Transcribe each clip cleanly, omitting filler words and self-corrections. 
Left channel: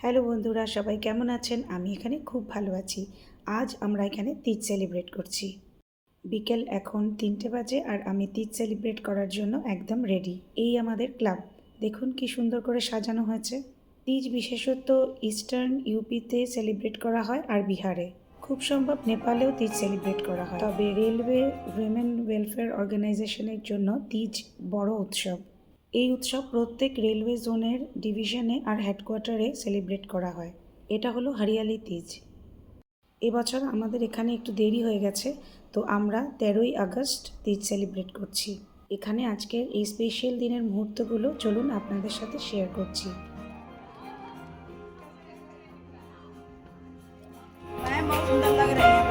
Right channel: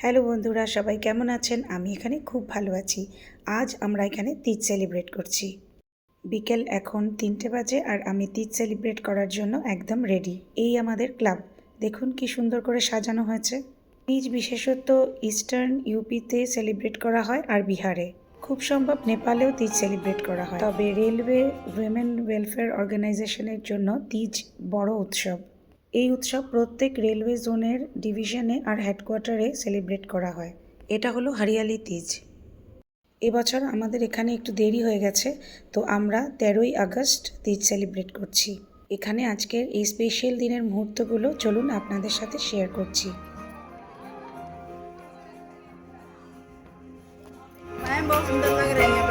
Hello বন্ধুরা, সবাই কেমন আছেন? আমি এখানে খুব ভালো আছি। আজ আমরা এখানে তিজ সেলিব্রেট করছি। বিকেল এখন 3টে বাজে আর আমি তিজ সেলিব্রেট করার জন্য একদম রেডি। এই আমাদের ক্লাব, দেখুন কি সুন্দর করে সাজানো হয়েছে। তিজ বিশেষত ইস্টার্ন ইউপিতে সেলিব্রেট করা হয় আর বিহারে, খুব সম্ভব নেপালেও তিজ সেলিব্রেট করা হয়। তবে রেলওয়ে উইমেন ওয়েলফেয়ার অর্গানাইজেশনের জন্য তিজ বড় উৎসব। এই উৎসব প্রত্যেক রেলওয়ে জোনের ডিভিশনে আর হেডকোয়ার্টারে সেলিব্রেট করা হয়। এটা হলো হরিয়ালি তিজ। এবছর আমাদের এখানে একটু দেরি হয়ে গেছে, তো আমরা 13ই আগস্ট তিজ সেলিব্রেট করছি। এখানে আজকের এই স্পেশাল দিনের মুহূর্তগুলো চলুন আপনাদের সাথে শেয়ার করছি। बहुत सुंदर लग रही है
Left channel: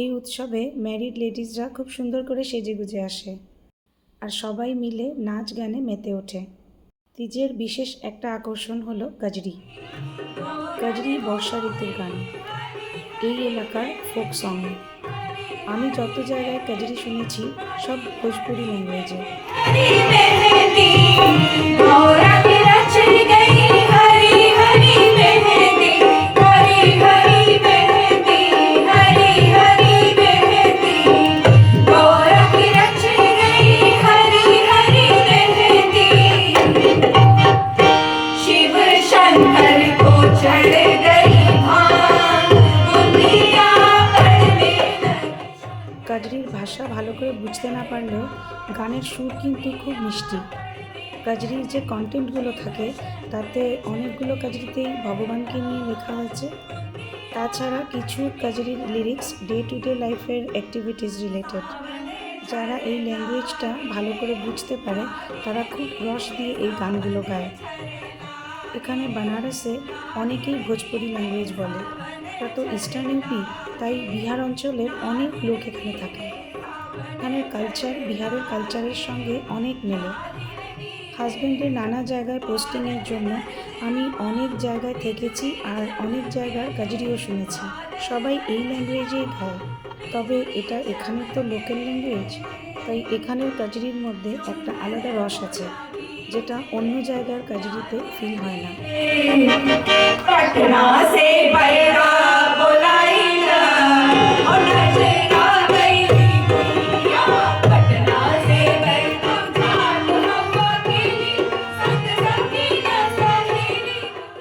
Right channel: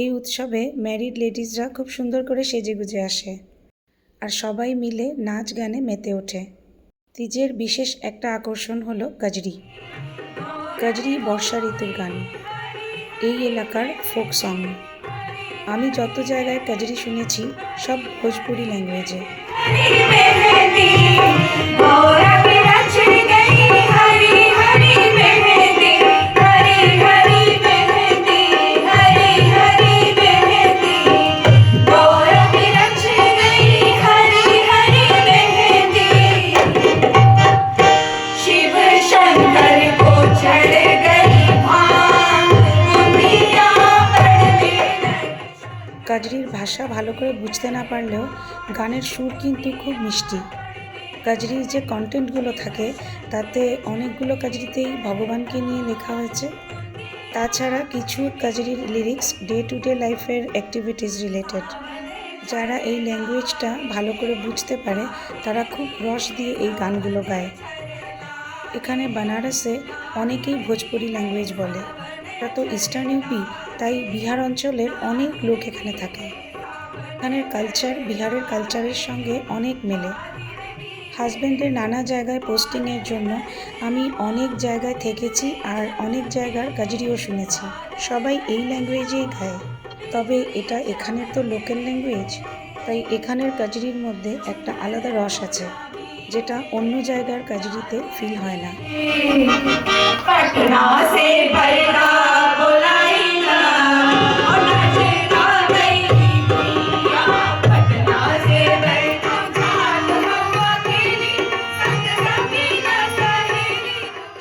এই উৎসবে ম্যারিড লেডিজরা খুব সুন্দর করে সেজেগুজে আসে আর সবাই মিলে নাচ গানে মেতে ওঠে। তিজের বিশেষ একটা আকর্ষণ হলো কাজরি। কাজরি বর্ষা ঋতুর গান, এই এলাকার ফোক সং। আমি যত জায়গায় কাজরি শুনেছি সব ভোজপুরি ল্যাঙ্গুয়েজে। কাজরির ভাষা ভালো করে বুঝতে না পারলেও গানের সুর কিন্তু খুব মিষ্টি। কাজরির যে কন্টেন্টগুলো থাকে তাতে অনেকগুলো কাজরিতেই ভগবানকে নিয়ে লেখা হয়েছে। তাছাড়া কিছু কাজরির লিরিক্স ডে টু ডে লাইফের অ্যাক্টিভিটিস রিলেটেড। যারা এই ল্যাঙ্গুয়েজটা ভালো করে বুঝতে পারে তারা খুব রস দিয়ে এই গানগুলো গায়। এখানে বানারসে অনেকেই ভোজপুরি ল্যাঙ্গুয়েজ বলে। এটা তো ইস্টার্ন ইউপি, তাই বিহার অঞ্চলের অনেক লোক এখানে থাকে। এখানের কালচার বিহারের কালচারের সঙ্গে অনেক মেলে। হাজব্যান্ডের নানা জায়গায় পোস্টিংয়ের জন্য আমি অনেক জায়গায় থেকেছি আর অনেক জায়গার কাজরিও শুনেছি। সবাই এই ল্যাঙ্গুয়েজেই গায়, তবে এটা এখানের তো লোকাল ল্যাঙ্গুয়েজ, তাই এখানের কাজরির মধ্যে একটা আলাদা রস আছে, যেটা অন্য জায়গার কাজরিতে ফিল হয় না।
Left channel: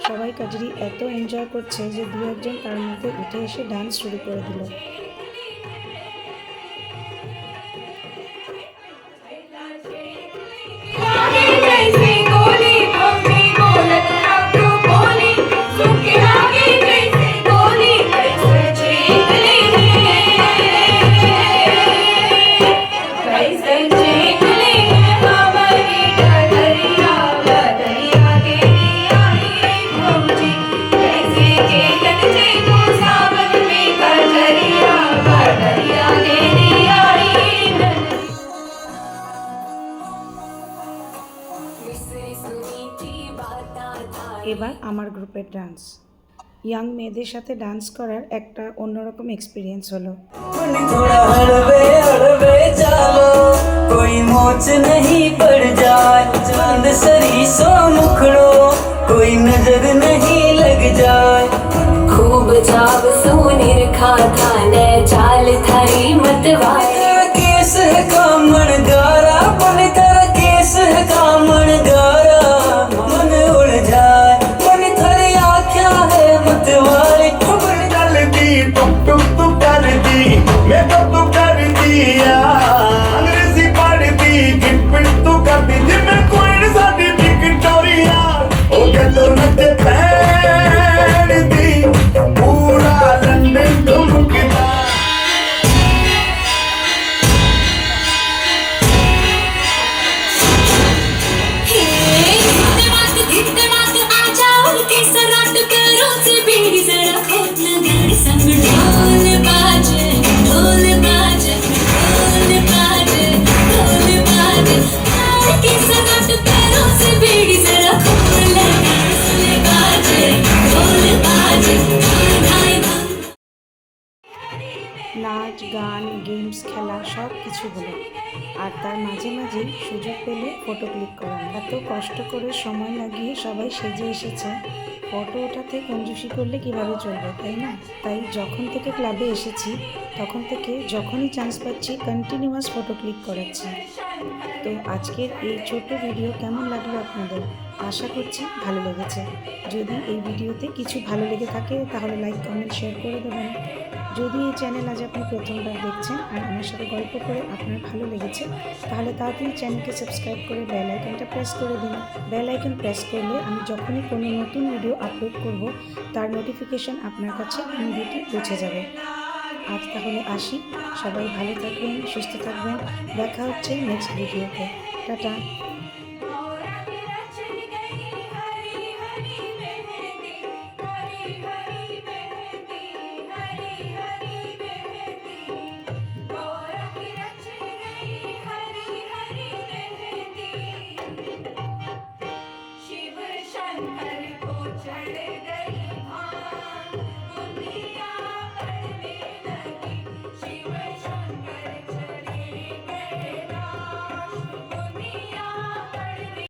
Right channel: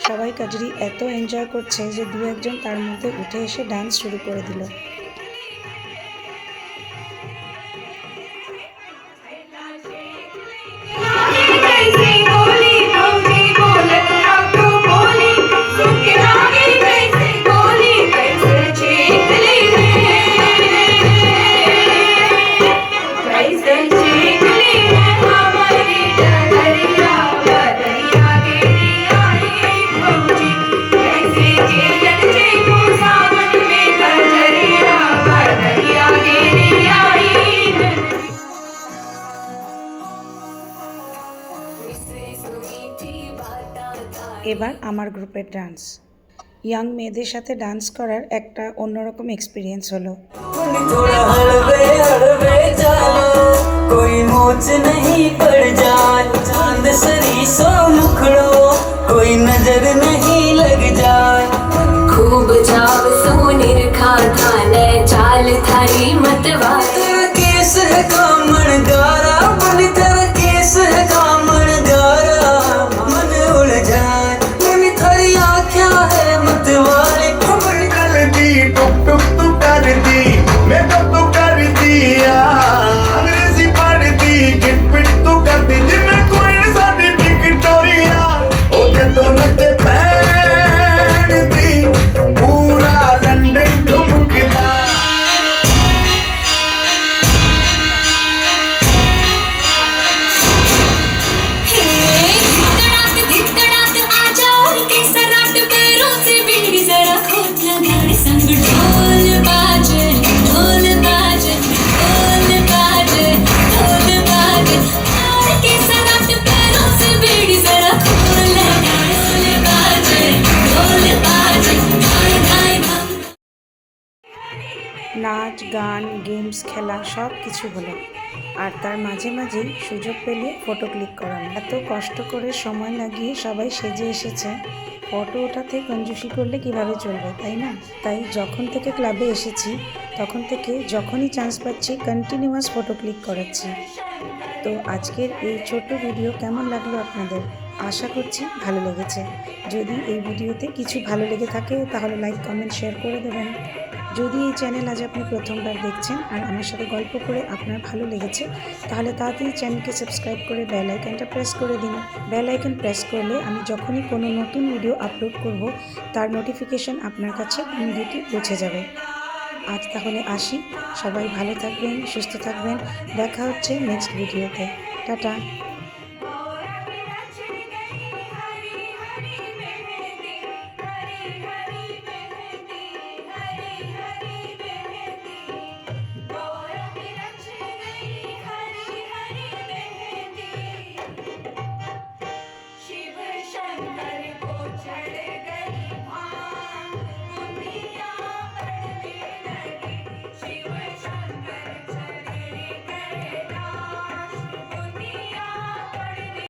সবাই কাজরি এত এনজয় করছে যে দু একজন তার মধ্যে উঠে এসে ডান্স শুরু করে দিল। এবার আমার গ্রুপের ডান্স, ইয়াং মেয়েদের সাথে ডান্স করার একটা অন্যরকম এক্সপিরিয়েন্স হলো। खूब जाव सोनेर खाता ने चाल थारी मतवा केस है कामण गारा मन तेरा केस है कामण गारा मन उड़ जाए मन थारी आँखियाँ है मतवाले खबर चलती टुक टुक तू करती मैं कब तू कर दिया अंग्रेजी पढ़ती गिट पिट तू करती जिम्मे कोई साडी विक्टोरिया ओ के तो नटे নাচ গান গেমস খেলা সব কিছু হলো, আর তার মাঝে মাঝেই সুযোগ পেলে ফটো ক্লিক করানো। এত কষ্ট করে সময় লাগিয়ে সবাই সেজে এসেছে, ফটো ওঠাতে কঞ্জুসি করলে কিভাবে চলবে, তাই না? তাই যখন থেকে ক্লাবে এসেছি তখন থেকে যখনই চান্স পাচ্ছি কন্টিনিউয়াস ফটো ক্লিক করাচ্ছি। তো আজকের এই ছোট্ট ভিডিও কেমন লাগলো আপনাদের? আশা করছি ভালো লেগেছে। যদি এই ভিডিওতে কিছু ভালো লেগে থাকে তাহলে লাইক কমেন্ট শেয়ার করে দেবেন। যদি এই চ্যানেল আজ আপনি প্রথমবার দেখছেন আর আমার সাথে গল্প করে আপনার ভালো লেগেছে তাহলে তাড়াতাড়ি চ্যানেলকে সাবস্ক্রাইব করে বেল আইকনটা প্রেস করে দিন। বেল আইকন প্রেস করলে আমি যখনই কোনো নতুন ভিডিও আপলোড করব তার নোটিফিকেশন আপনার কাছে ইমিডিয়েটলি পৌঁছে যাবে। আজ তাহলে আসি, সবাই ভালো থাকবেন, সুস্থ থাকবেন, দেখা হচ্ছে নেক্সট ভিডিওতে। টাটা।